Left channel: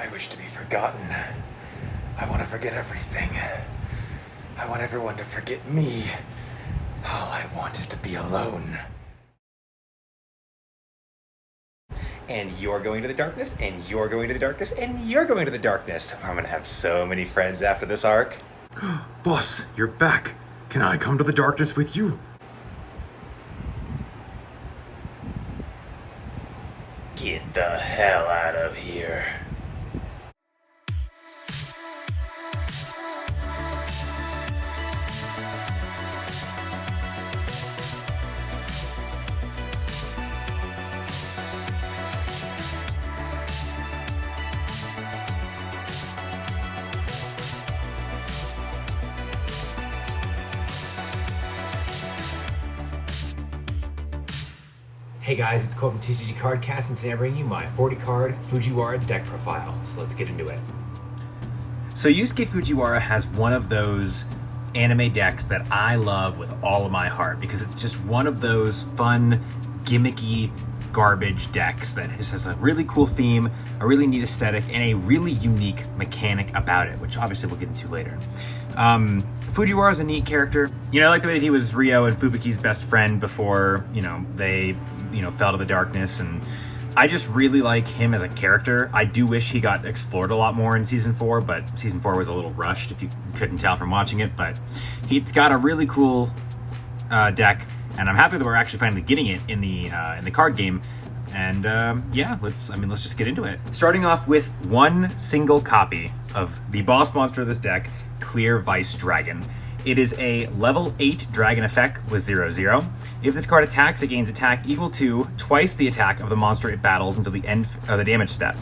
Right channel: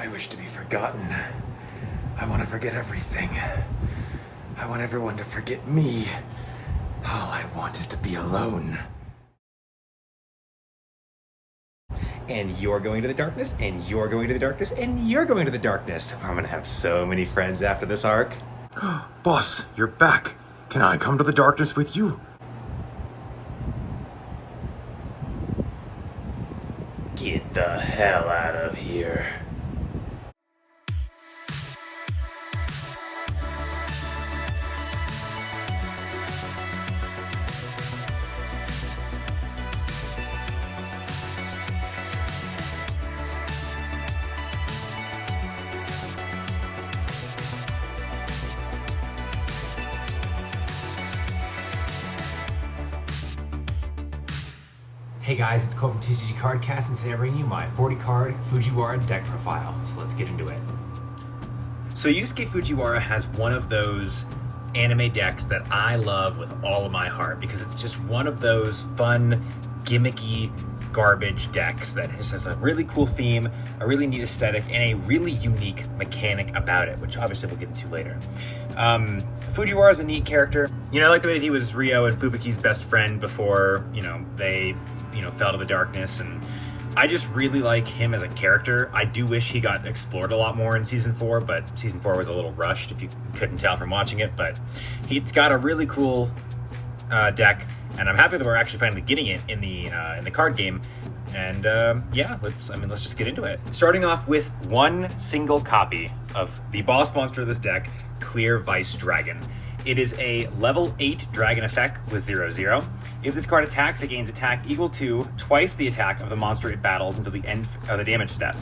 I wish to be forgotten. I want to forget everything. I want everyone to forget me. All I want is to be alone. And you're going to the darkness, and you're going to the darkness, and you're going to the darkness. I'm gonna have so many friends after this arc. Boss, you're back. Can I come to the darkness with you? Get the hell out of here. Hey guys, it's Cole from TCG Cardcast, and today I bring you my 40-card Fujiwara deck profile. So let's get into it. So Yusuke Fujiwara has one of those anime decks that I love with all of my heart because it's just one of those fun, gimmicky garbage decks that just has a really cool theme, a really neat aesthetic, and a really unique mechanic about it, which obviously we'll get into later. Fujiwara is a neat character. I like the way that he was Ryo and Fubuki's best friend before, they fell to the darkness, and I just really like him as a character. I do wish he got explored a lot more in Season 4, but Season 4 was a little rushed, if you couldn't tell from watching it, but he's got a really cool deck, and I'm happy that we're actually finally getting it in the card game. And let's just get into it. Starting off with one single copy of the boss monster of this deck, Clear Vice Dragon. It is a level 8 dragon effect with 0/0. If this card attacks, it gains attack equal to twice the attack of the monster it battles until the end of the damage step.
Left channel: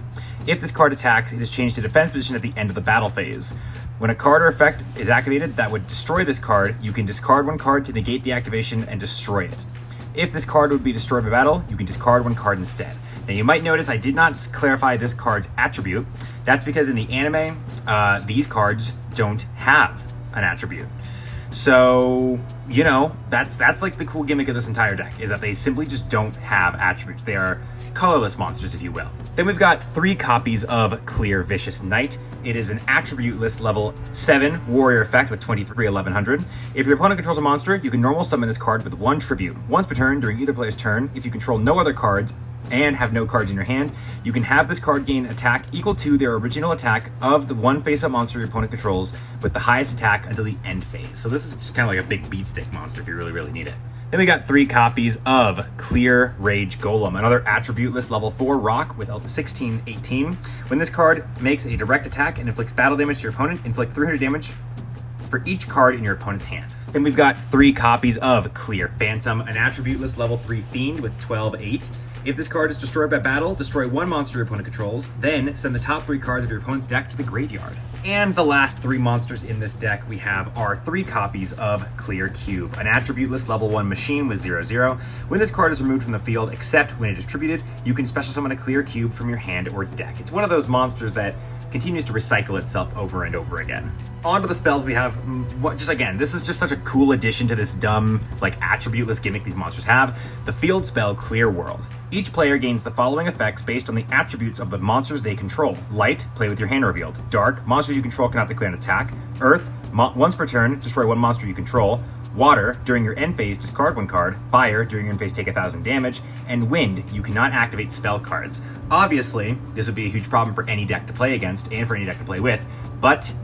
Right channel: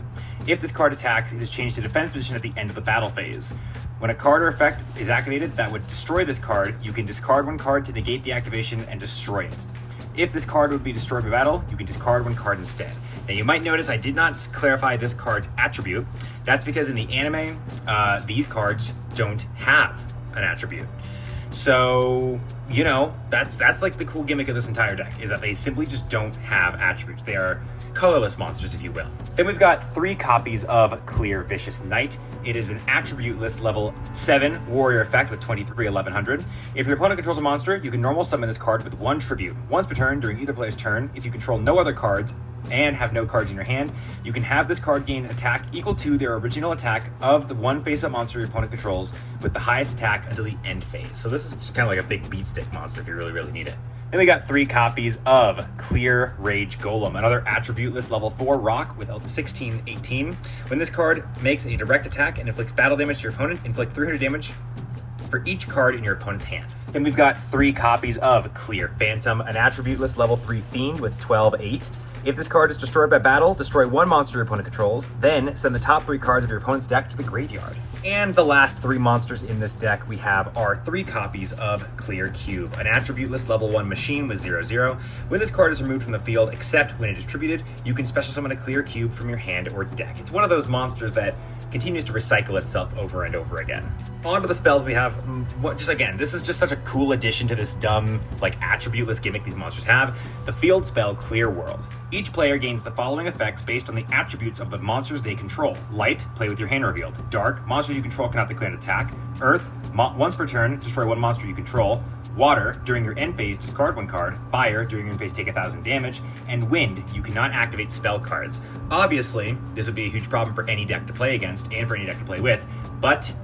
If this card attacks, it is changed to defense position at the end of the battle phase. When a card or effect is activated that would destroy this card, you can discard one card to negate the activation and destroy it. If this card would be destroyed by battle, you can discard one card instead. Now you might notice I did not clarify this card's attribute. That's because in the anime, these cards don't have an attribute. So, that's like the cool gimmick of this entire deck, is that they simply just don't have attributes. They are colorless monsters, if you will. Then we've got 3 copies of Clear Vicious Knight. It is an attribute-less level 7 warrior effect with 23/1100. If your opponent controls a monster, you can normal summon this card with 1 tribute. Once per turn during either player's turn, if you control no other cards and have no cards in your hand, you can have this card gain attack equal to their original attack of the one face-up monster your opponent controls with the highest attack until the end phase. So this is just kind of like a big beat stick monster if you really, really need it. Then we got 3 copies of Clear Rage Golem, another attribute-less level 4 rock with 16/18. When this card makes a direct attack and inflicts battle damage to your opponent, inflict 300 damage for each card in your opponent's hand. Then we've got 3 copies of Clear Phantom, an attribute-less level 3 fiend with 12/8. If this card is destroyed by battle, destroy one monster your opponent controls, then send the top 3 cards of your opponent's deck to the graveyard. And the last 3 monsters in this deck we have are 3 copies of Clear Cube, an attribute-less level 1 machine with 0/0. When this card is removed from the field, except when it is distributed, you can special summon a Clear Cube from your hand or deck. It's one of those monsters that continues to recycle itself over and over again. On to the spells we have. This is just such a cool addition to this dumb, attribute-less gimmick these monsters have. The field spell Clear World. Each player gains the following effects based on the attributes of the monsters they control. Light, play with your hand revealed. Dark, monsters you control cannot declare an attack. Earth, once per turn, destroy one monster you control. Water, during your end phase, discard one card. Fire, during your end phase, take 1,000 damage. And wind, you cannot activate spell cards. Obviously, this would be a huge problem for any deck to play against and for any deck to play with, but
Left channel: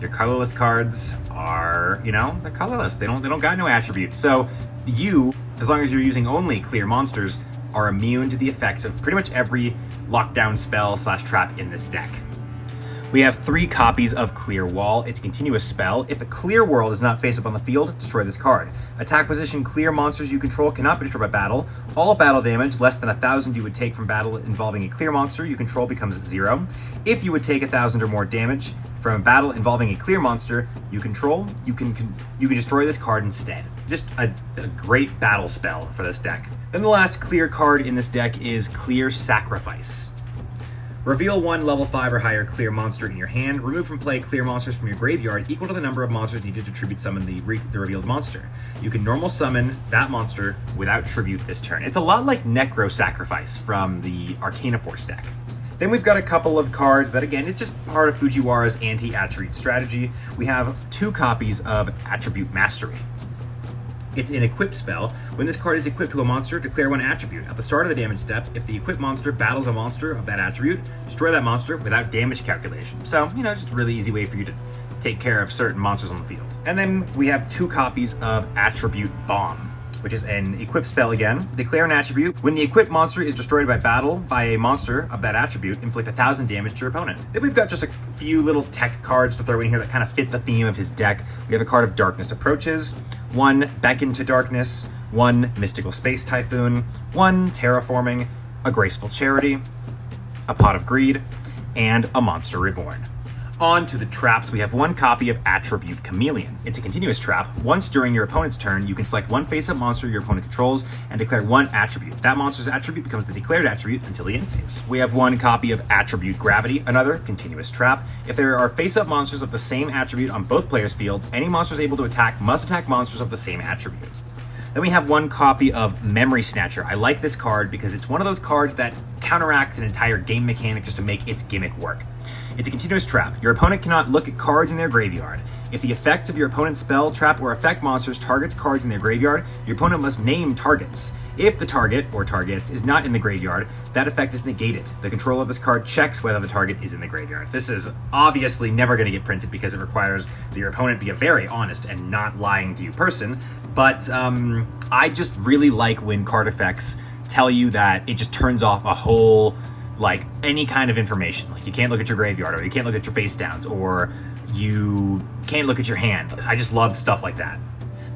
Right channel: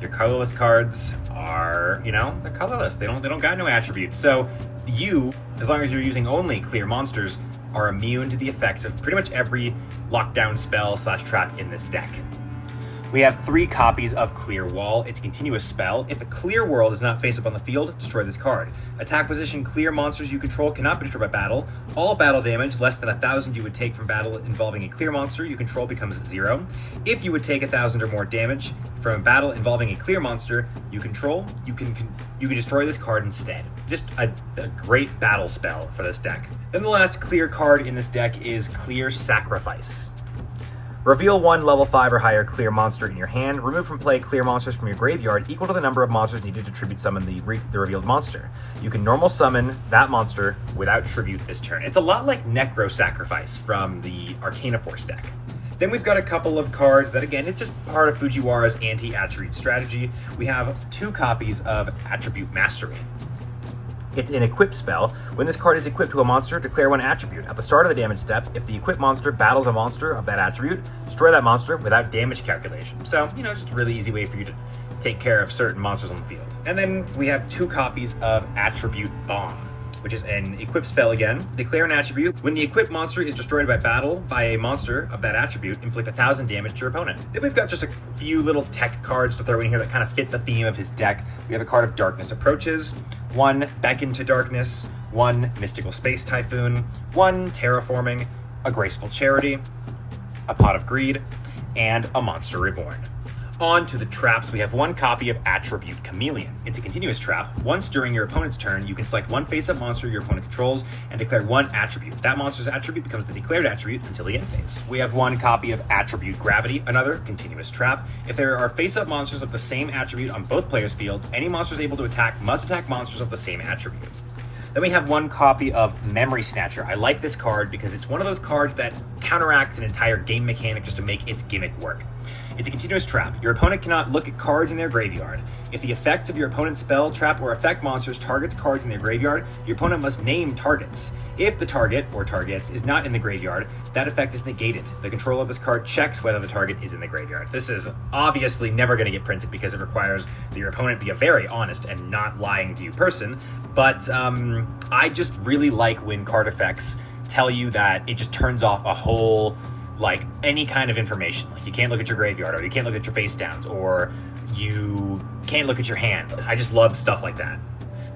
your colorless cards are, they're colorless. They don't got no attributes. So you, as long as you're using only clear monsters, are immune to the effects of pretty much every lockdown spell / trap in this deck. We have 3 copies of Clear Wall. It's a continuous spell. If a clear world is not face up on the field, destroy this card. Attack position clear monsters you control cannot be destroyed by battle. All battle damage less than 1,000 you would take from battle involving a clear monster you control becomes 0. If you would take 1,000 or more damage from a battle involving a clear monster you control, you can destroy this card instead. Just a great battle spell for this deck. Then the last clear card in this deck is Clear Sacrifice. Reveal 1 level 5 or higher clear monster in your hand. Remove from play clear monsters from your graveyard equal to the number of monsters needed to tribute summon the revealed monster. You can normal summon that monster without tribute this turn. It's a lot like Necro Sacrifice from the Arcana Force deck. Then we've got a couple of cards that, again, it's just part of Fujiwara's anti-attribute strategy. We have 2 copies of Attribute Mastery. It's an equipped spell. When this card is equipped to a monster, declare 1 attribute. At the start of the damage step, if the equipped monster battles a monster of that attribute, destroy that monster without damage calculation. So, just a really easy way for you to take care of certain monsters on the field. And then we have 2 copies of Attribute Bomb, which is an equipped spell again. Declare an attribute. When the equipped monster is destroyed by battle by a monster of that attribute, inflict 1,000 damage to your opponent. Then we've got just a few little tech cards to throw in here that kind of fit the theme of his deck. We have a card of Darkness Approaches, 1 Beckon to Darkness, 1 Mystical Space Typhoon, 1 Terraforming, a Graceful Charity, a Pot of Greed, and a Monster Reborn. On to the traps, we have 1 copy of Attribute Chameleon. It's a continuous trap. Once during your opponent's turn, you can select 1 face-up monster your opponent controls and declare 1 attribute. That monster's attribute becomes the declared attribute until the end phase. We have 1 copy of Attribute Gravity, another continuous trap. If there are face-up monsters of the same attribute on both players' fields, any monsters able to attack must attack monsters of the same attribute. Then we have 1 copy of Memory Snatcher. I like this card because it's one of those cards that counteracts an entire game mechanic just to make its gimmick work. It's a continuous trap. Your opponent cannot look at cards in their graveyard. If the effects of your opponent's spell, trap, or effect monsters targets cards in their graveyard, your opponent must name targets. If the target, or targets, is not in the graveyard, that effect is negated. The controller of this card checks whether the target is in the graveyard. This is obviously never going to get printed because it requires that your opponent be a very honest and not lying to you person, but I just really like when card effects tell you that it just turns off a whole, any kind of information. Like, you can't look at your graveyard, or you can't look at your face downs, or you can't look at your hand. I just love stuff like that.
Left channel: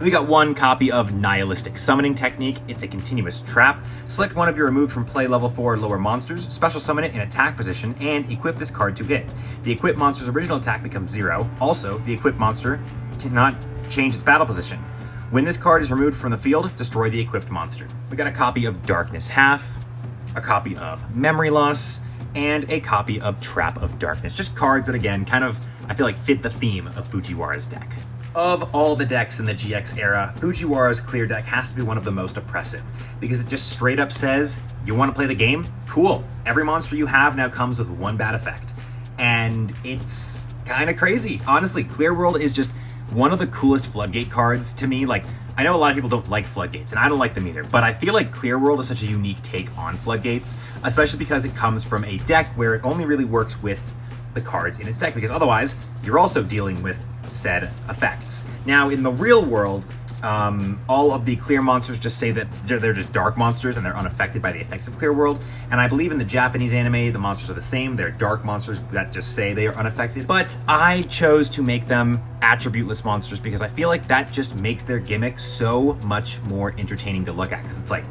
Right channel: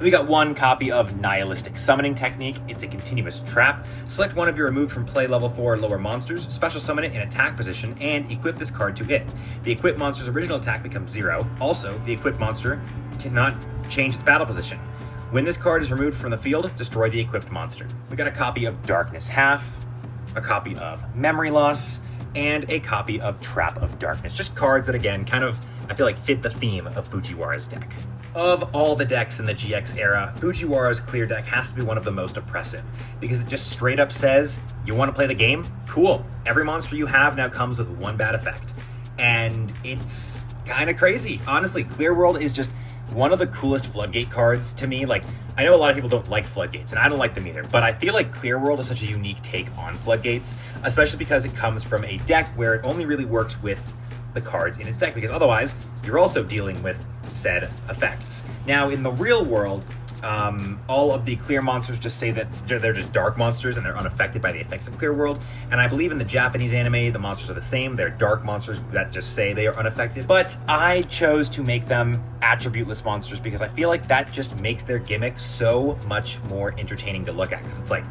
We got 1 copy of Nihilistic Summoning Technique. It's a continuous trap. Select 1 of your removed from play level 4 or lower monsters, special summon it in attack position, and equip this card to it. The equipped monster's original attack becomes 0. Also, the equipped monster cannot change its battle position. When this card is removed from the field, destroy the equipped monster. We got a copy of Darkness Half, a copy of Memory Loss, and a copy of Trap of Darkness. Just cards that, again, kind of, I feel like, fit the theme of Fujiwara's deck. Of all the decks in the GX era, Fujiwara's clear deck has to be one of the most oppressive, because it just straight up says, you want to play the game? Cool. Every monster you have now comes with 1 bad effect. And it's kind of crazy. Honestly, Clear World is just one of the coolest Floodgate cards to me. I know a lot of people don't like Floodgates, and I don't like them either, but I feel like Clear World is such a unique take on Floodgates, especially because it comes from a deck where it only really works with the cards in its deck, because otherwise you're also dealing with said effects. Now, in the real world, all of the clear monsters just say that they're just dark monsters and they're unaffected by the effects of Clear World. And I believe in the Japanese anime, the monsters are the same. They're dark monsters that just say they are unaffected. But I chose to make them attributeless monsters because I feel like that just makes their gimmick so much more entertaining to look at, because it's like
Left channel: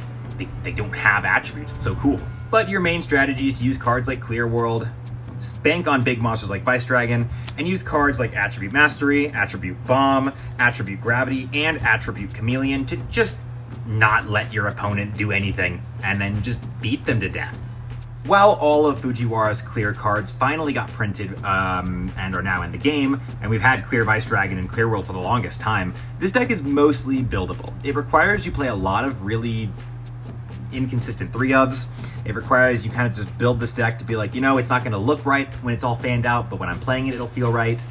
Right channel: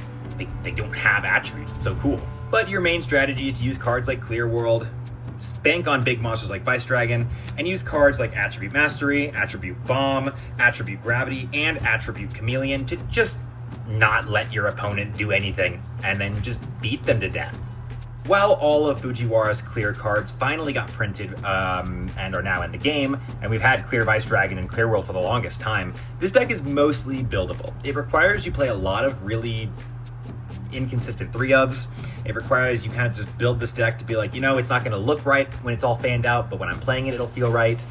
they don't have attributes. It's so cool. But your main strategy is to use cards like Clear World, bank on big monsters like Vice Dragon, and use cards like Attribute Mastery, Attribute Bomb, Attribute Gravity, and Attribute Chameleon to just not let your opponent do anything, and then just beat them to death. While all of Fujiwara's clear cards finally got printed and are now in the game, and we've had Clear Vice Dragon and Clear World for the longest time, this deck is mostly buildable. It requires you play a lot of really inconsistent 3-ofs. It requires you kind of just build this deck to be like, it's not going to look right when it's all fanned out, but when I'm playing it, it'll feel right.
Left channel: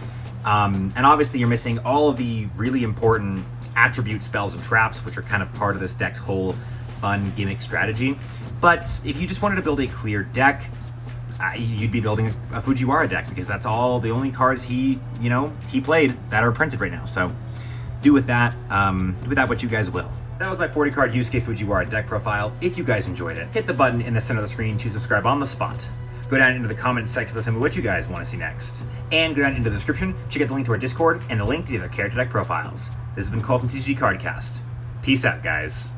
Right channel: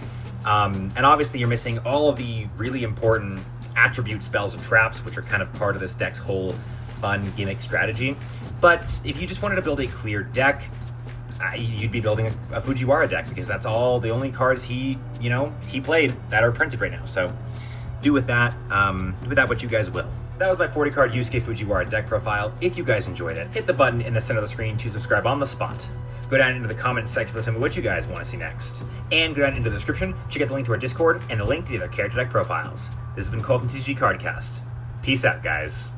And obviously you're missing all of the really important attribute spells and traps, which are kind of part of this deck's whole fun gimmick strategy. But if you just wanted to build a clear deck, you'd be building a Fujiwara deck, because that's all the only cards he played that are printed right now. So do with that what you guys will. That was my 40-card Yusuke Fujiwara deck profile. If you guys enjoyed it, hit the button in the center of the screen to subscribe on the spot. Go down into the comment section to tell me what you guys want to see next. And go down into the description, check out the link to our Discord and the link to the other character deck profiles. This has been Cole from TCG Cardcast. Peace out, guys.